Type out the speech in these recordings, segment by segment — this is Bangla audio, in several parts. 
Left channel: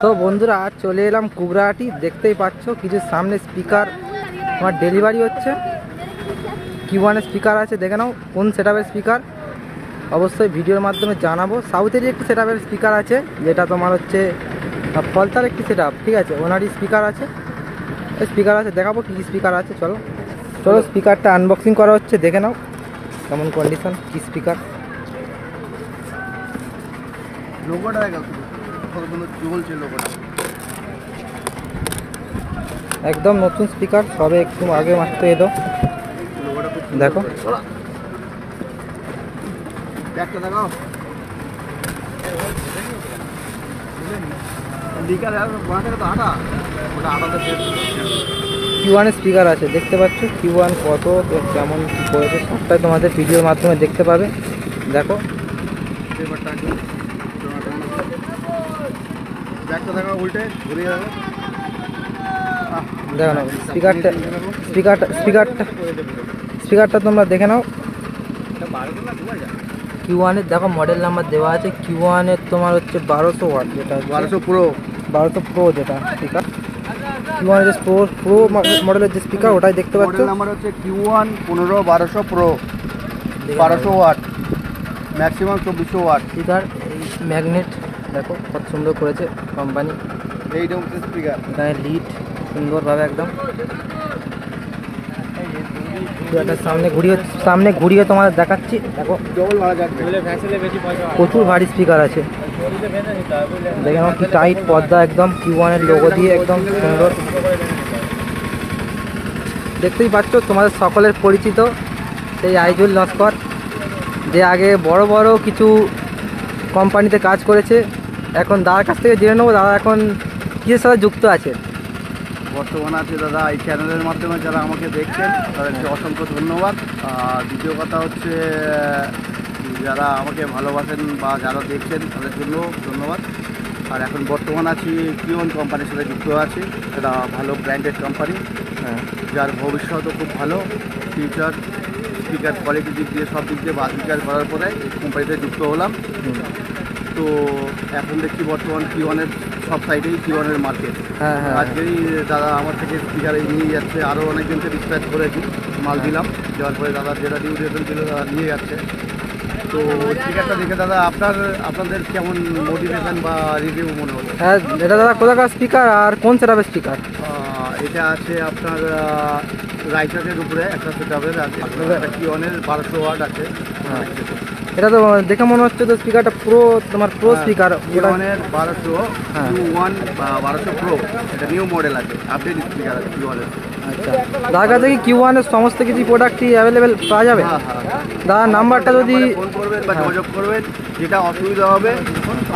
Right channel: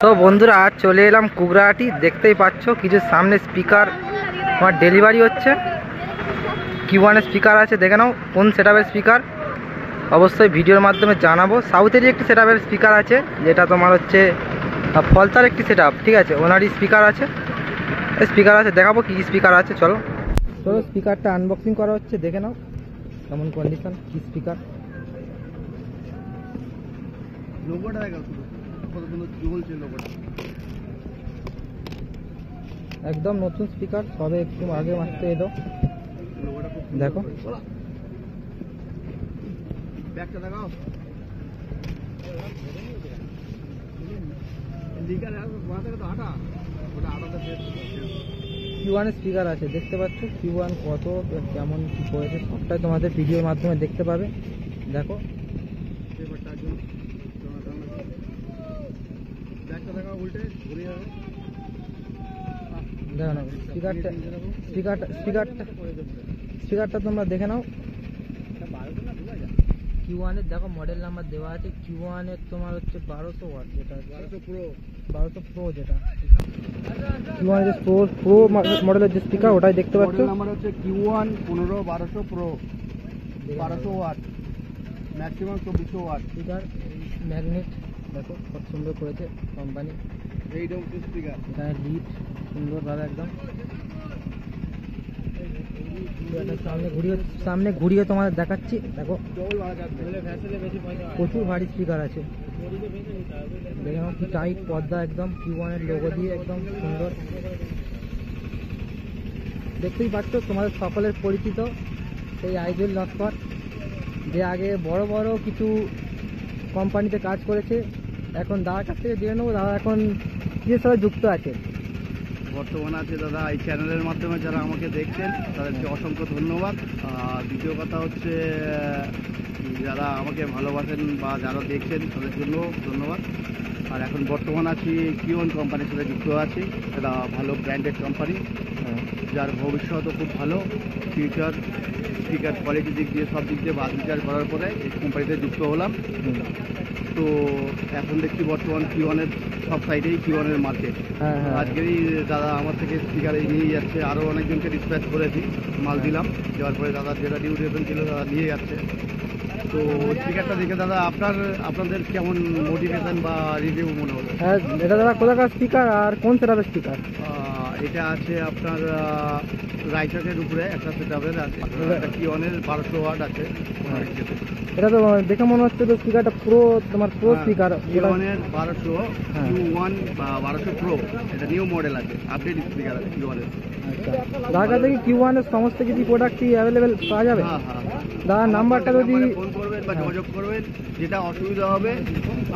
তো বন্ধুরা আজ চলে এলাম কুগরাহাটি। দেখতেই পাচ্ছ কিছু সামনে স্পিকার আমার ডেলিভারি হচ্ছে। Q1 এর স্পিকার আছে, দেখে নাও কোন সেটআপের স্পিকার, অবশ্যই ভিডিওর মাধ্যমে জানাবো। সাউথেরই একটি সেটআপের স্পিকার আছে, যেটা তোমার হচ্ছে ফলতার একটি সেটআপ, ঠিক আছে, ওনারই স্পিকার আছে, দেখাবো কি স্পিকার আছে। চলো চলো স্পিকারটা আনবক্সিং করা হচ্ছে, দেখে নাও কেমন কন্ডিশন, কি স্পিকার। লোগোটা দেখো, চলছে লোগোটা, একদম নতুন স্পিকার, সবে একটু আগে মাত্র এলো। দেখো ব্যাগটা দেখাও, Q1 এর স্পিকার আছে, দেখতে পাচ্ছ Q1 কত কেমন কী করেছে সবটাই তোমাদের ভিডিওর মাধ্যমে দেখতে পাবে। দেখো ব্যাগটা দেখাও, উল্টে ঘুরিয়ে দেবো। দেখো না স্পিকারটা তোমরা দেখে নাও। Q1 এর দেখো মডেল নাম্বার দেওয়া আছে। Q1 এর তোমার হচ্ছে 1200 ওয়াট, যেটা 1200 প্রো যেটা স্পিকার। Q1 এর প্রো মডেলের যে স্পিকার ওটাই দেখতে পাচ্ছ। মডেল নাম্বার হচ্ছে Q1 1200 pro, 1200 watt, maximum 2400 watt speaker. এই ম্যাগনেট দেখো কত সুন্দর করেছে কোম্পানি। এই রকম স্পিকার, এখানে লিড সুন্দরভাবে একদম। সামনে ঘুরিয়ে তোমাদের দেখাচ্ছি। দেখো প্রচুর ভারী স্পিকার আছে, দেখে নাও কি টাইট পর্দা, একদম Q1 এর লোগো দিয়ে একদম সুন্দর। দেখতেই পাচ্ছ তোমাদের সকলের পরিচিত সেই আইজুল নস্কর, যে আগে বড় বড় কিছু কোম্পানিতে কাজ করেছে। এখন দাদার কাছ থেকে জেনে নেবো দাদা এখন কিসের সাথে যুক্ত আছে। বর্তমানে আছে দাদা এই চ্যানেলের মাধ্যমে যারা আমাকে দেখছেন তাদেরকে অসংখ্য ধন্যবাদ। আর দ্বিতীয় কথা হচ্ছে যারা আমাকে ভালোবাসেন বা যারা দেখছেন তাদের জন্য ধন্যবাদ। আর এখন বর্তমান আছি Q1 কোম্পানির সাথে যুক্ত আছি। এটা ভালো ব্র্যান্ডেড কোম্পানি, যার ভবিষ্যৎও খুব ভালো, ফিউচার স্পিকার কোয়ালিটি দিক দিয়ে সব দিক দিয়ে বাদ বিচার করার পরে এই কোম্পানিতে যুক্ত হলাম। তো এখন দেখছি বর্তমান Q1 এর সব সাইডেই Q1 এর মার্কেট। আজকেই দাদা আমার থেকে স্পিকার নিয়ে যাচ্ছে, আরও অনেকজনকে ডিসপ্যাচ করেছি, মাল দিলাম, যাওয়ার পরে দাদার যেটা ডিউরেশন ছিল দাদা নিয়ে যাচ্ছে। তো স্পিকারটা দেখে দাদা আপনাদের কেমন মোটিভেশন বা রিভিউ মনে হলো? হ্যাঁ এটা দাদা কোথাকার স্পিকার আর কোন সেটআপের স্পিকার? এটা আছে আপনার রাইটারের উপরে একটা সেটআপের আছে, একটা Q1 এর 1200 ওয়াট আছে। এটা তো দেখে মনে হচ্ছে তো স্পিকারটা তোমার প্রো স্পিকার। Q1 এর 1200 Q1 বা 1200 প্রো, এটা নিউ মডেল আছে, আপডেট স্পিকার আছে Q1 এর। আচ্ছা দাদার কাছে কি Q1 এর সমস্ত কিছু প্রোডাক্টই অ্যাভেলেবেল পাওয়া যাবে? দাদার নাম্বারটা যদি ফোন করবেন বা যোগাযোগ করবেন, যেটা অসুবিধা হবে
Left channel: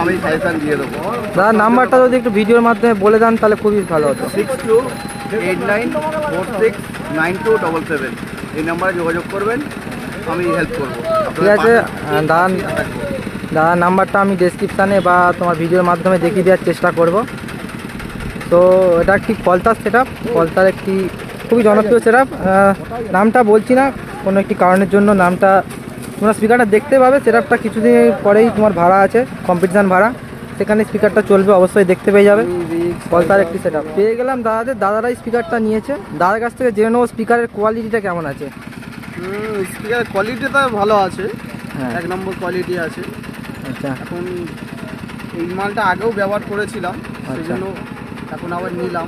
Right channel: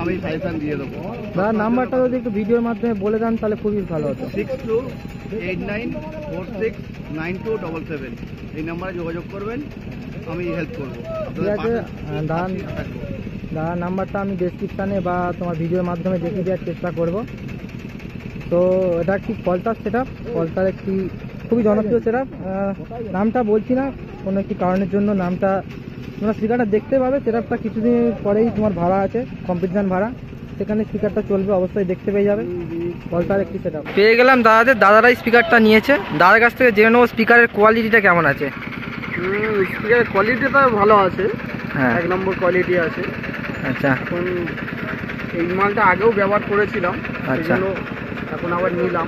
আমি সাজেশন দিয়ে দেবো। দাদার নাম্বারটা যদি একটু ভিডিওর মাধ্যমে বলে দেন তাহলে খুবই ভালো হতো। 6289469277, এই নাম্বারে যোগাযোগ করবেন, আমি হেল্প করবো। ঠিক আছে, দাদার নাম্বারটা আমি ডেসক্রিপশানে বা তোমার ভিডিওর মাধ্যমে দেখিয়ে দেওয়ার চেষ্টা করব। তো এটা একটি ফলতার সেটআপ, ফলতার একটি খুবই জনপ্রিয় সেটআপ। নামটা বলছি না, কোনো একটি কারণের জন্য নামটা তোমরা স্পিকারটা দেখতে পাবে। সেটআপটা কিছুদিন পরেই তোমার ভাড়া আছে, কম্পিটিশান ভাড়া, সেখানে স্পিকারটা চলবে, অবশ্যই দেখতে পেয়ে যাবে। ফলতার একটি সেটআপ পেয়ে গেলাম দাদারাই স্পিকারটা নিয়েছে। দাদার কাছ থেকে জেনে নেবো স্পিকারের কোয়ালিটিটা কেমন আছে। স্পিকারের কোয়ালিটিটা ভালো আছে, হ্যাঁ 1 নম্বর কোয়ালিটি আছে। আচ্ছা এখন এই মালটা আগেও ব্যবহার করেছিলাম, আচ্ছা এখন আবার নিলাম।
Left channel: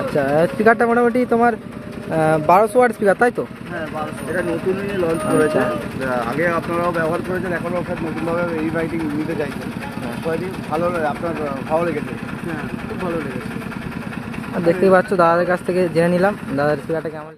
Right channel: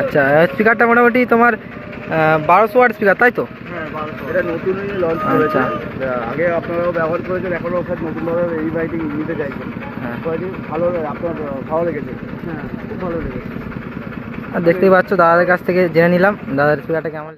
আচ্ছা স্পিকারটা মোটামুটি তোমার 1200 ওয়াট স্পিকার, তাই তো? হ্যাঁ, এটা নতুন লঞ্চ করেছে, আগে আপনারাও ব্যবহার করেছেন, এখনও সব নতুনভাবে এই রাইটিং নিতে চাইছেন। কোয়ালিটি ভালো, আপনার ভালো লেগেছে? হ্যাঁ খুব ভালো লেগেছে। আর দেখতেই পাচ্ছ দাদার কাছ থেকে জেনে নিলাম দাদার স্পিকারটা কেমন।